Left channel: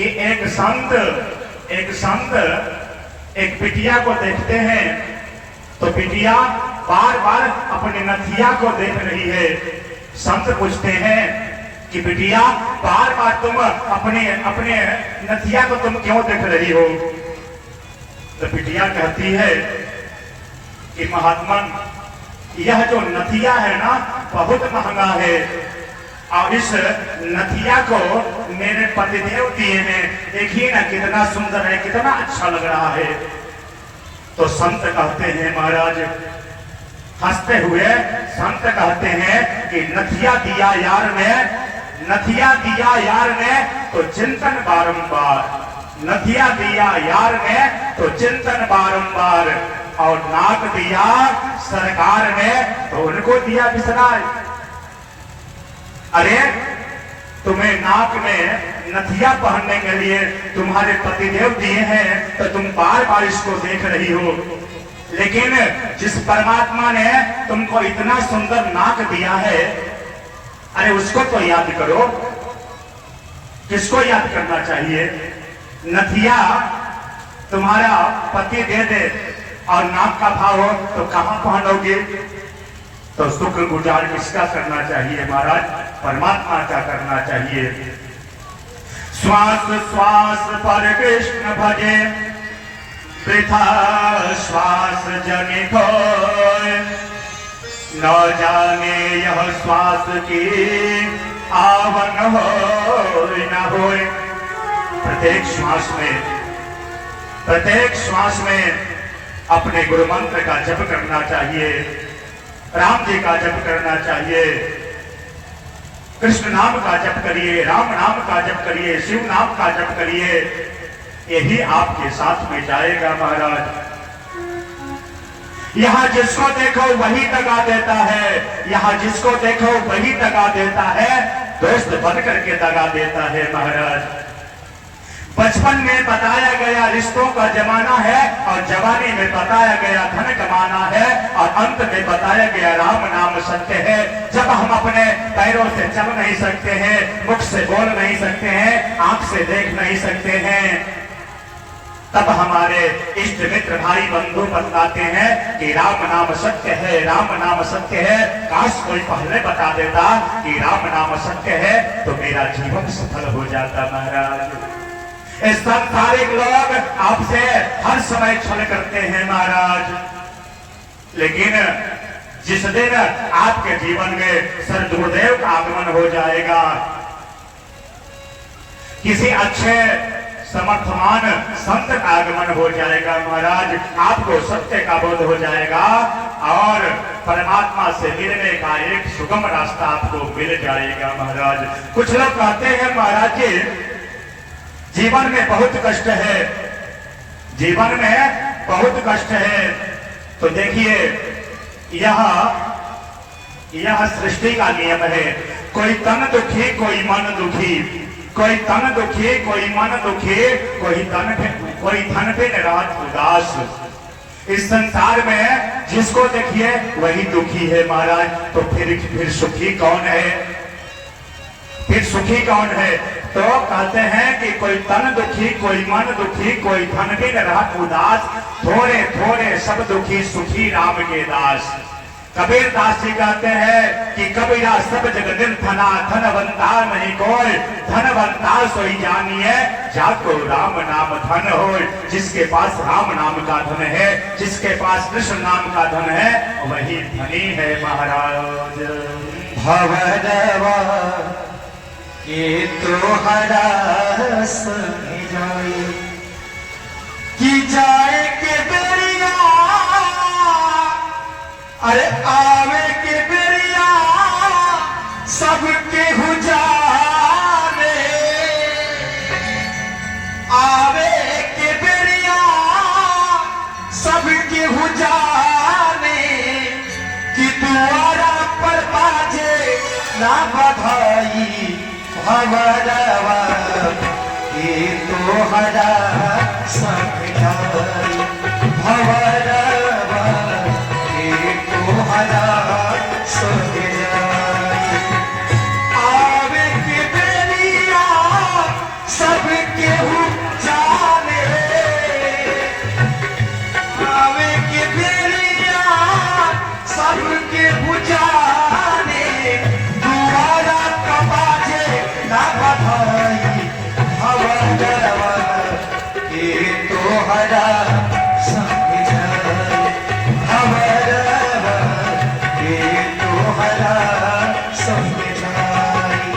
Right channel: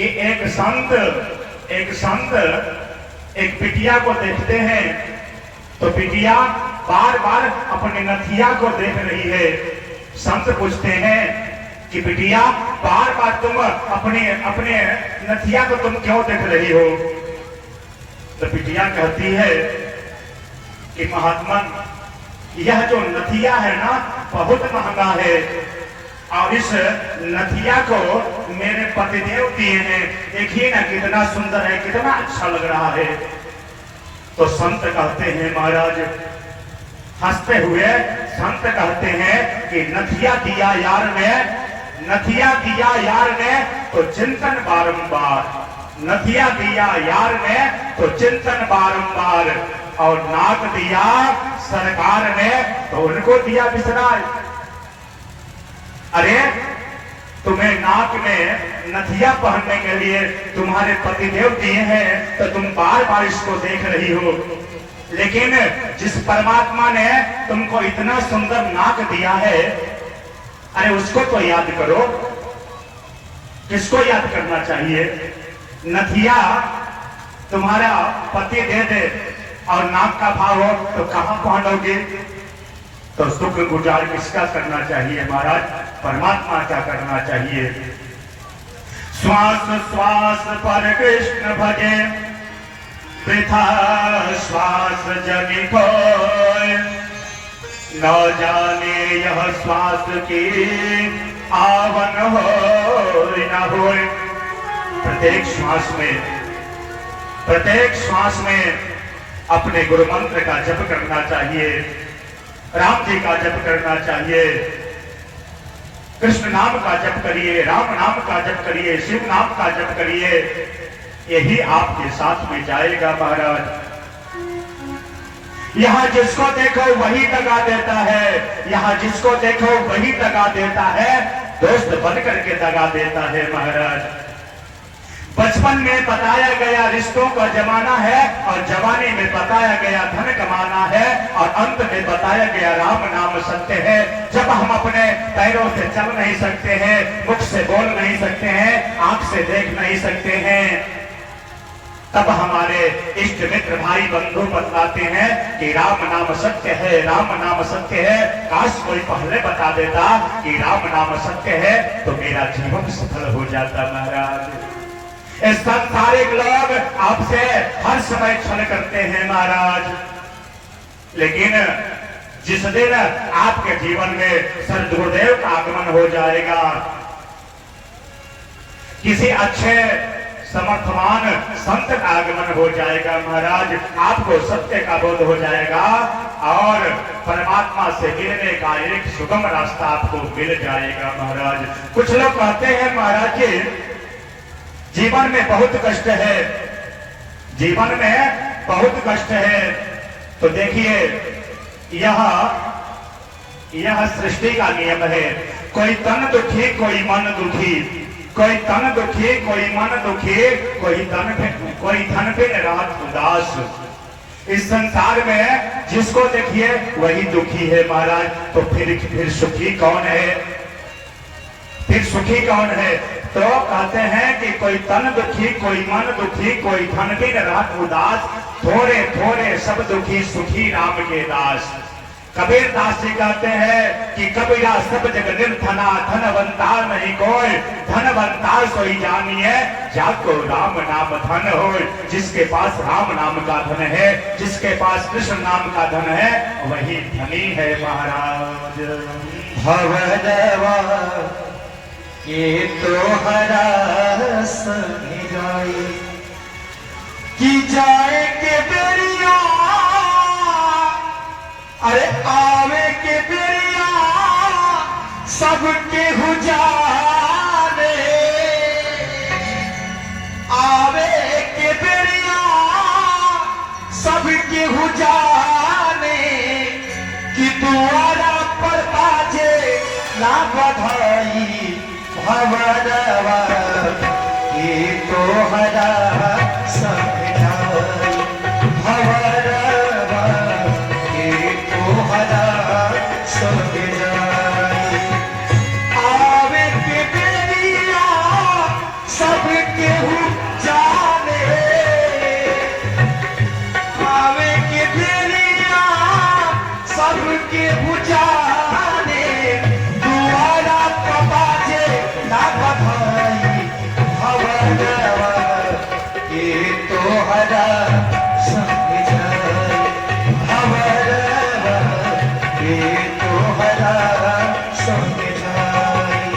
कि एक संत एक बिटिया को देखते हैं तो बिटिया बार बार अपने नथिया को देख रही है। संत पूछते हैं कि बिटिया बार बार तुम अपने नथिया को तुम क्यों देख रही हो? तो बिटिया कहती है कि महात्मन, यह जो नथिया है ना बहुत महंगा है और इस नथिया को मेरे पतिदेव दिए हैं। देखिए ना कितना सुंदर है, कितना अच्छा लग रहा है। तो संत कहते हैं, महाराज हंसते हुए संत कहते हैं कि नथिया दिया यार ने, नथिया दिया यार ने तो चिंतन बारंबार, नथिया दिया यार ने तो चिंतन बारंबार, और नाक दिया सरकार ने तो उनको दिया विसराय। अरे तुम्हें नाक में नथिया पहनने के लिए तुम्हारे पतिदेव दिए हैं तो तुम बार बार इसको देख रही हो, लेकिन जिस परमात्मा ने तुमको इतना सुंदर नाक दिया है, अरे उसको तो याद करो। किसको याद करना चाहिए? नथिया तुम्हारा पति दे दे और नाक का भाव हो तो कहां पहनोगे? तो शुक्र गुजार किसका करना चाहिए महाराज? परमात्मा का करना चाहिए। श्वास श्वास पर कृष्ण भजे, वृथा श्वास जनि खोए, न जाने यह श्वास की आवन हो न होए। प्रत्येक श्वास में अपने गुरु मंत्र का जप करना चाहिए, राम जी का जप करना चाहिए, कृष्ण नाम का जप करिए, राम नाम का जप करिए, शिव नाम का जप करिए। यही आपके साथ में जाएगा महाराज। यहाँ जिसको देखो वही दगा देता है, यहाँ जिसको देखो वही दगा देता है, दोस्त बन करके दगा देता है महाराज। बचपन में बताया गया रिश्तों का जमाना है और जवानी में बताया गया धन कमाना है और अंत में बताया गया राम नाम सत्य है। जब हम अपने पैरों से चल नहीं सकते हैं, मुख से बोल नहीं सकते हैं, आंख से देख नहीं सकते हैं, तब हमारे इष्ट मित्र भाई बंधु बतलाते हैं कि राम नाम सत्य है, राम नाम सत्य है। काश कोई पहले बता देता कि राम नाम सत्य है तो मेरा जीवन सफल हो जाता महाराज। सांसारिक लोग आपसे हर समय छल करते हैं महाराज, लेकिन जिस दिन आपके जीवन में सद्गुरुदेव का आगमन हो जाएगा, किसी अच्छे समर्थवान संत का आगमन हो जाएगा महाराज, आपको सत्य का बोध हो जाएगा और परमात्मा से मिलने का एक सुगम रास्ता आपको मिल जाएगा महाराज। कुछ लोग कहते हैं महाराज जी जीवन में बहुत कष्ट है, जीवन में बहुत कष्ट है। तो देखिए यह सृष्टि का नियम है, कोई तन दुखी कोई मन दुखी, कोई तन दुखी कोई मन दुखी, कोई धन पे रात उदास। इस संसार में जिसको देखिए वही दुखी है महाराज। तो फिर सुखी कौन है? फिर सुखी कौन है? तो कहते हैं कि कोई तन दुखी कोई मन दुखी, कोई धन बिन रात उदास, थोड़े थोड़े सब दुखी सुखी राम के दास। कबीर दास जी कहते हैं कि कबीरा सब जग निर्धना, धनवंता नहीं कोई, धनवंता सोई जानिए जाको राम नाम धन हो। जिसके पास राम नाम का धन है, जिसके पास कृष्ण नाम का धन है, वही धनी है महाराज। भवदवा के तोहरा संग जाए कि जाए के बेरिया, अरे आवे के बेरिया सबके हो जाने, आवे के बेरिया सबके हो जाने, कि तुम्हारा पर बाजे ना बधाई भवरवा के तोहरा संग जाए, भवरवा के तोहरा संग जाए। आवे के बेरिया सब केहू जाने आवे के बेरिया सब केहू जाने दुआरा कबाजे ना बधाई हवरवा के तोहरा संग जाई हवरवा के तोहरा संग जाई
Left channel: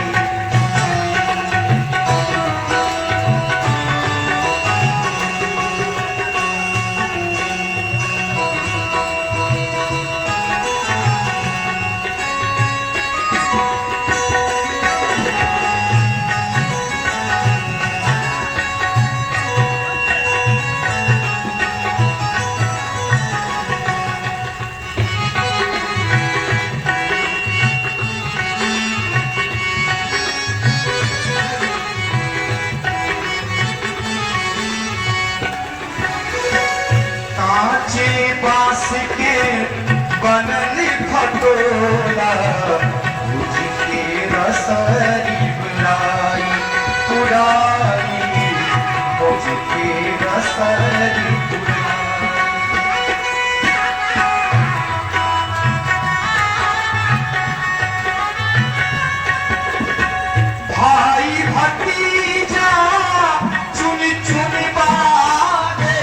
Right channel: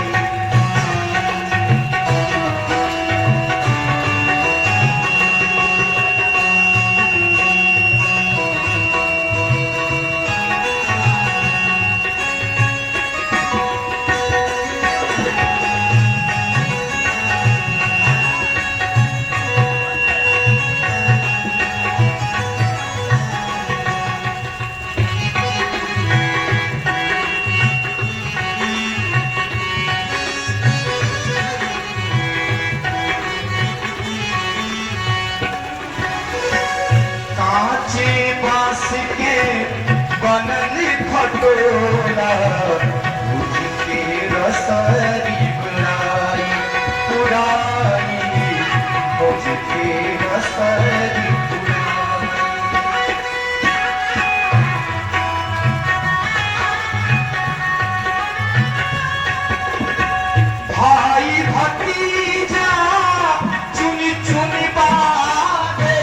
कांचे बांस के बनल खटोला उसके रसरी बुलाई पुराई उसके रसरी भाई भतीजा चुनी चुनी बागे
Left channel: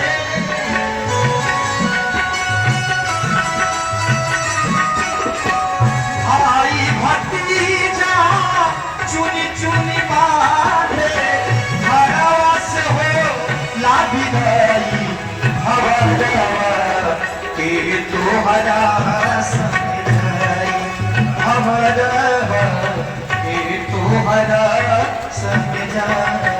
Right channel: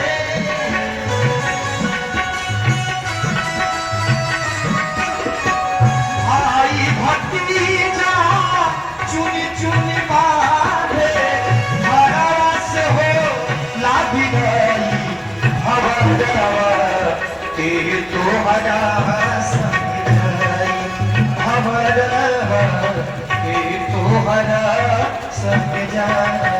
भाई भतीजा चुनी चुनी बागे घरवा से हो लाभी गई हवरवा के तोहरा संग जाई हवरवा के तोहरा संग जाई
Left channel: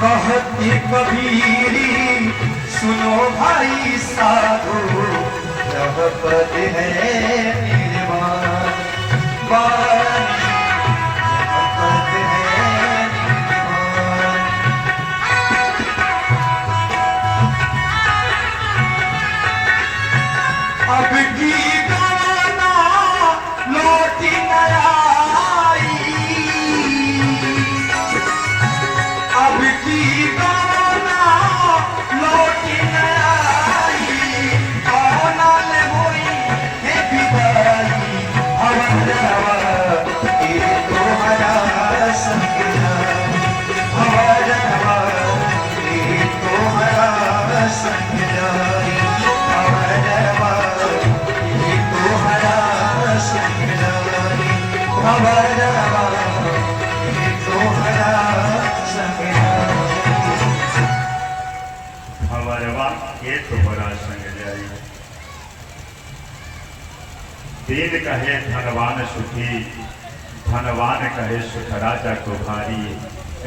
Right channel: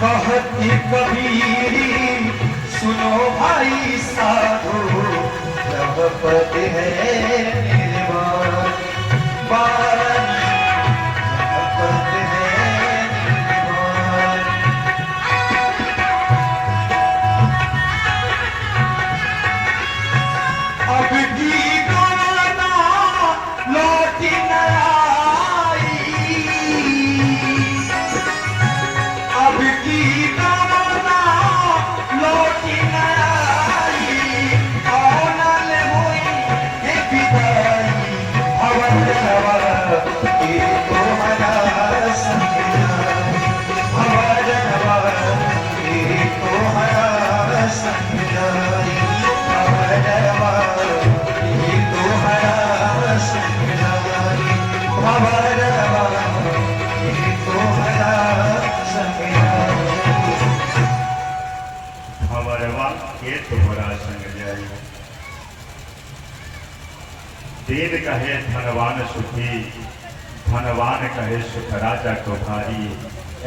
कहती कबीरी सुनो भाई साधो यह पद है निर्वाण वाणी यह पद है निर्वाण अब की गाना लौटी न आई अब की गाना लौटी न आई कौनल हुई है विदाई हवरवा के तोहरा संग जाई हवरवा के तोहरा संग जाई हवरवा के तोहरा संग जाई हवरवा के तोहरा हवरवा के तोहरा संग जाई दीन कहे धनवान सुखी धनवान कहे सुख राजा को भारी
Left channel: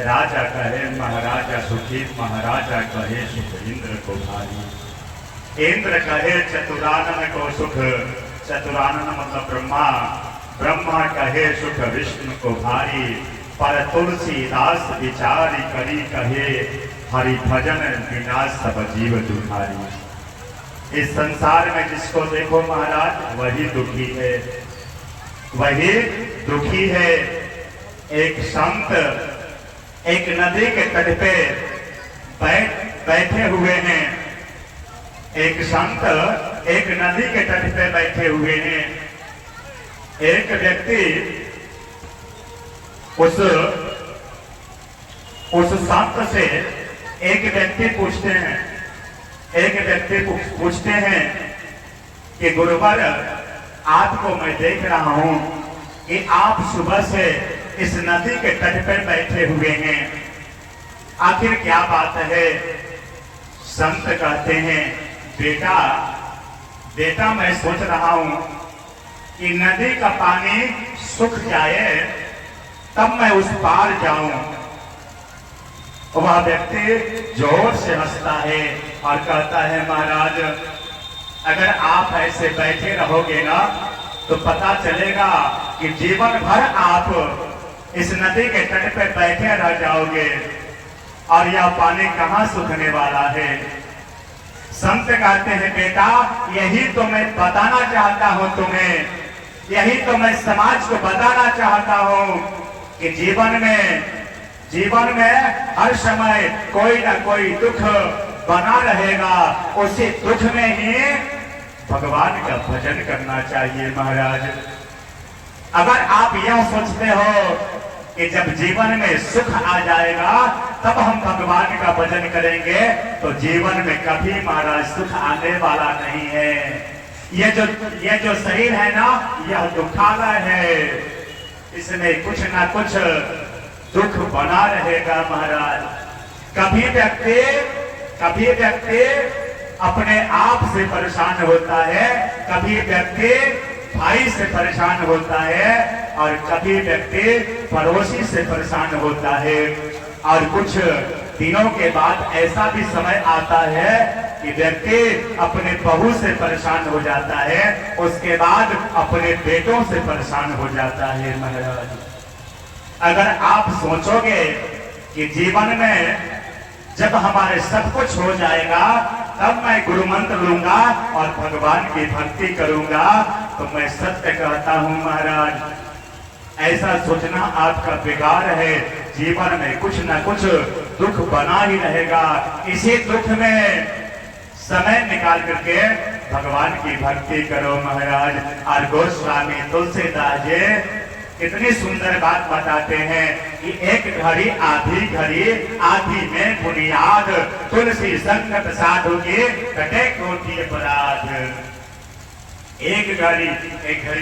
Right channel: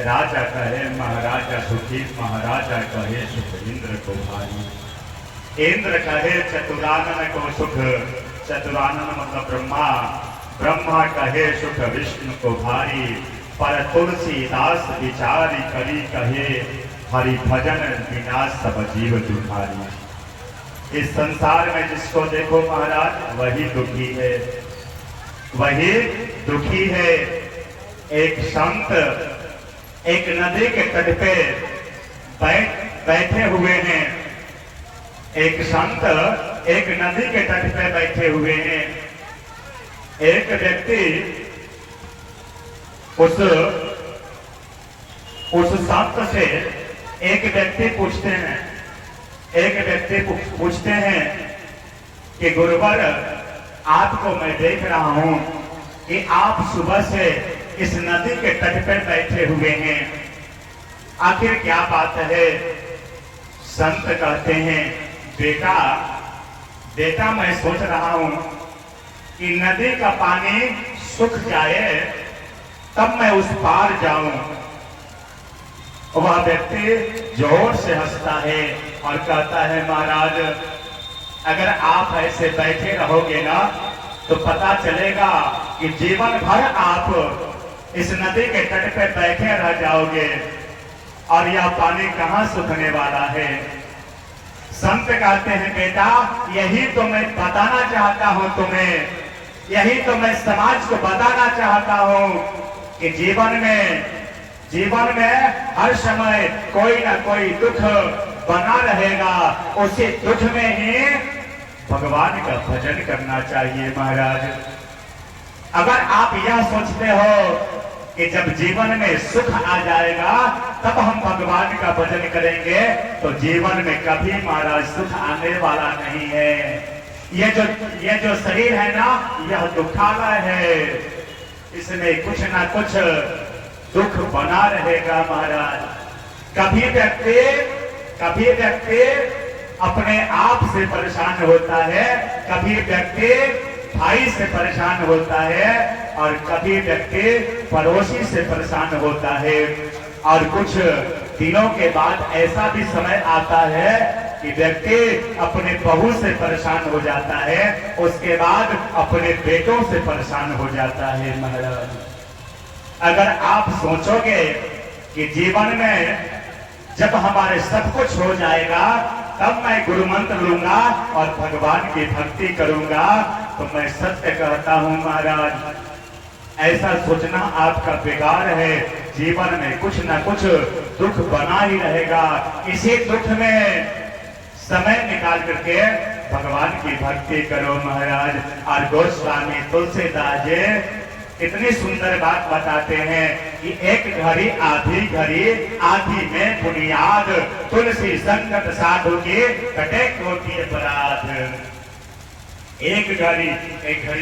राजा कहे महाराजा सुखी महाराजा कहे सुख इंद्र को भारी इंद्र कहे चतुरानन को सुख चतुरानन मतलब ब्रह्मा ब्रह्मा कहे सुख विष्णु को भारी पर तुलसीदास विचारी करी कहे हरि भजन बिना सब जीव दुखारी इस संसार में जिसको देखो महाराज वही दुखी है वही दुखी है एक संत एक नदी के तट पे बैठे हुए हैं एक संत एक नदी के तट पे बैठे हुए हैं एक व्यक्ति उस संत से एक व्यक्ति पूछते हैं कि गुरुवर आपको मैं देख रहा हूं कि आप सुबह से इस नदी के तट पर बैठे हुए हैं आखिर क्या बात है संत कहते हैं बेटा मैं सोच रहा हूं कि नदी का पानी सूख जाए तब मैं उस पार जाऊं वह व्यक्ति जोर से हंसता है और कहता है महाराज, अगर आप ऐसे बैठे रहोगे ना तो पता चलेगा कि जीवन भर आप इस नदी के तट पे बैठे रह जाओगे और यह पानी कहाँ सूखने वाला है। संत कहते हैं बेटा, यही तो मैं बताना चाहता हूं तुम्हें, यही तो मैं समाज को बताना चाहता हूं कि जीवन में हर समय कोई ना कोई दुख बना रहेगा। उसी दुख में ही भगवान का भजन करना चाहिए महाराज। अगर आप यह सोचते हो कि जब जीवन में सुख आ जाएगा तब हम भगवान का भजन करेंगे, तो जीवन में कभी महाराज सुख आने वाला नहीं है। ये जो शरीर है ना, यह दुखालय है, इसमें कुछ ना कुछ दुख बना रहेगा महाराज। कभी व्यक्ति अपने आप से परेशान होता है, कभी व्यक्ति भाई से परेशान होता है और कभी व्यक्ति पड़ोसी से परेशान होता है। और कुछ दिनों के बाद ऐसा भी समय आता है कि व्यक्ति अपने बहू से परेशान हो जाता है, उसके बाद अपने बेटों से परेशान हो जाता है महाराज। अगर आप सोचोगे कि जीवन में जब हमारे सब कुछ हो जाएगा तब मैं गुरु मंत्र लूंगा और भगवान की भक्ति करूंगा, तो मैं सत्य कहता हूं महाराज, ऐसा सोचना आपका बेकार है। जीवन में कुछ ना कुछ दुख बना ही रहेगा। इसी दुख में समय निकाल करके भगवान की भक्ति करो महाराज। और गोस्वामी तुलसीदास जी इतनी सुंदर बात बताते हैं कि एक घड़ी आधी में बुनियाद, तुलसी संगत साधु की कटे कोटि अपराध। एक घड़ी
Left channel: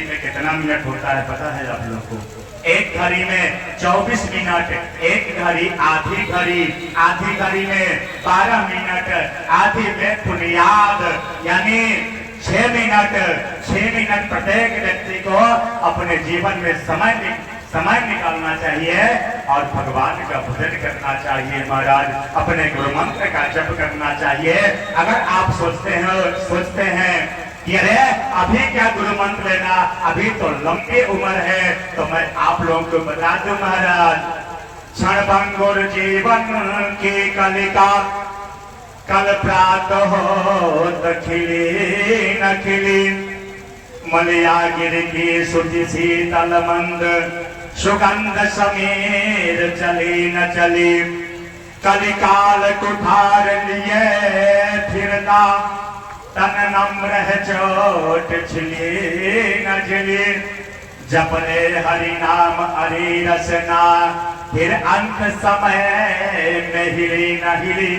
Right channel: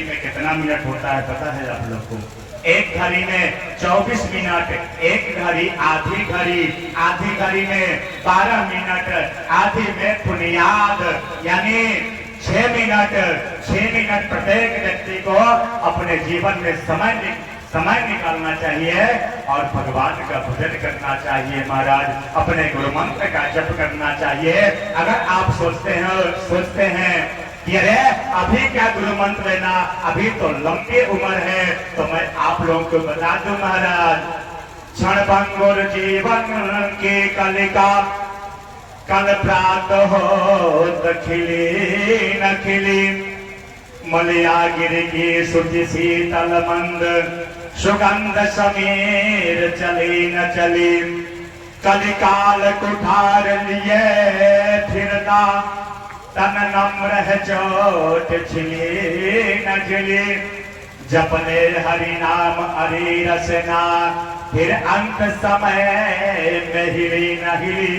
में कितना मिनट होता है पता है आप लोग को? एक घड़ी में 24 मिनट, एक घड़ी आधी घड़ी में 12 मिनट, आधी में बुनियाद यानी 6 मिनट प्रत्येक व्यक्ति को अपने जीवन में समय निकालना चाहिए और भगवान का भजन करना चाहिए महाराज। अपने गुरु मंत्र का जप करना चाहिए। अगर आप सोचते हैं कि अरे अभी क्या गुरु मंत्र लेना, अभी तो लंबी उम्र है, तो मैं आप लोगों को बता दूं महाराज, क्षण भंगुर जीवन के कलिका कल प्रातः हो खिली न खिली, मलिया गिर की सुधि शीतल मंद, सुगंध समीर चली न चली, कलिकाल कुठार लिए फिरता, तन नम्र है चोट छिली न झिली, जपने हरि नाम हरि रसना, फिर अंत समय में हिली न हिली,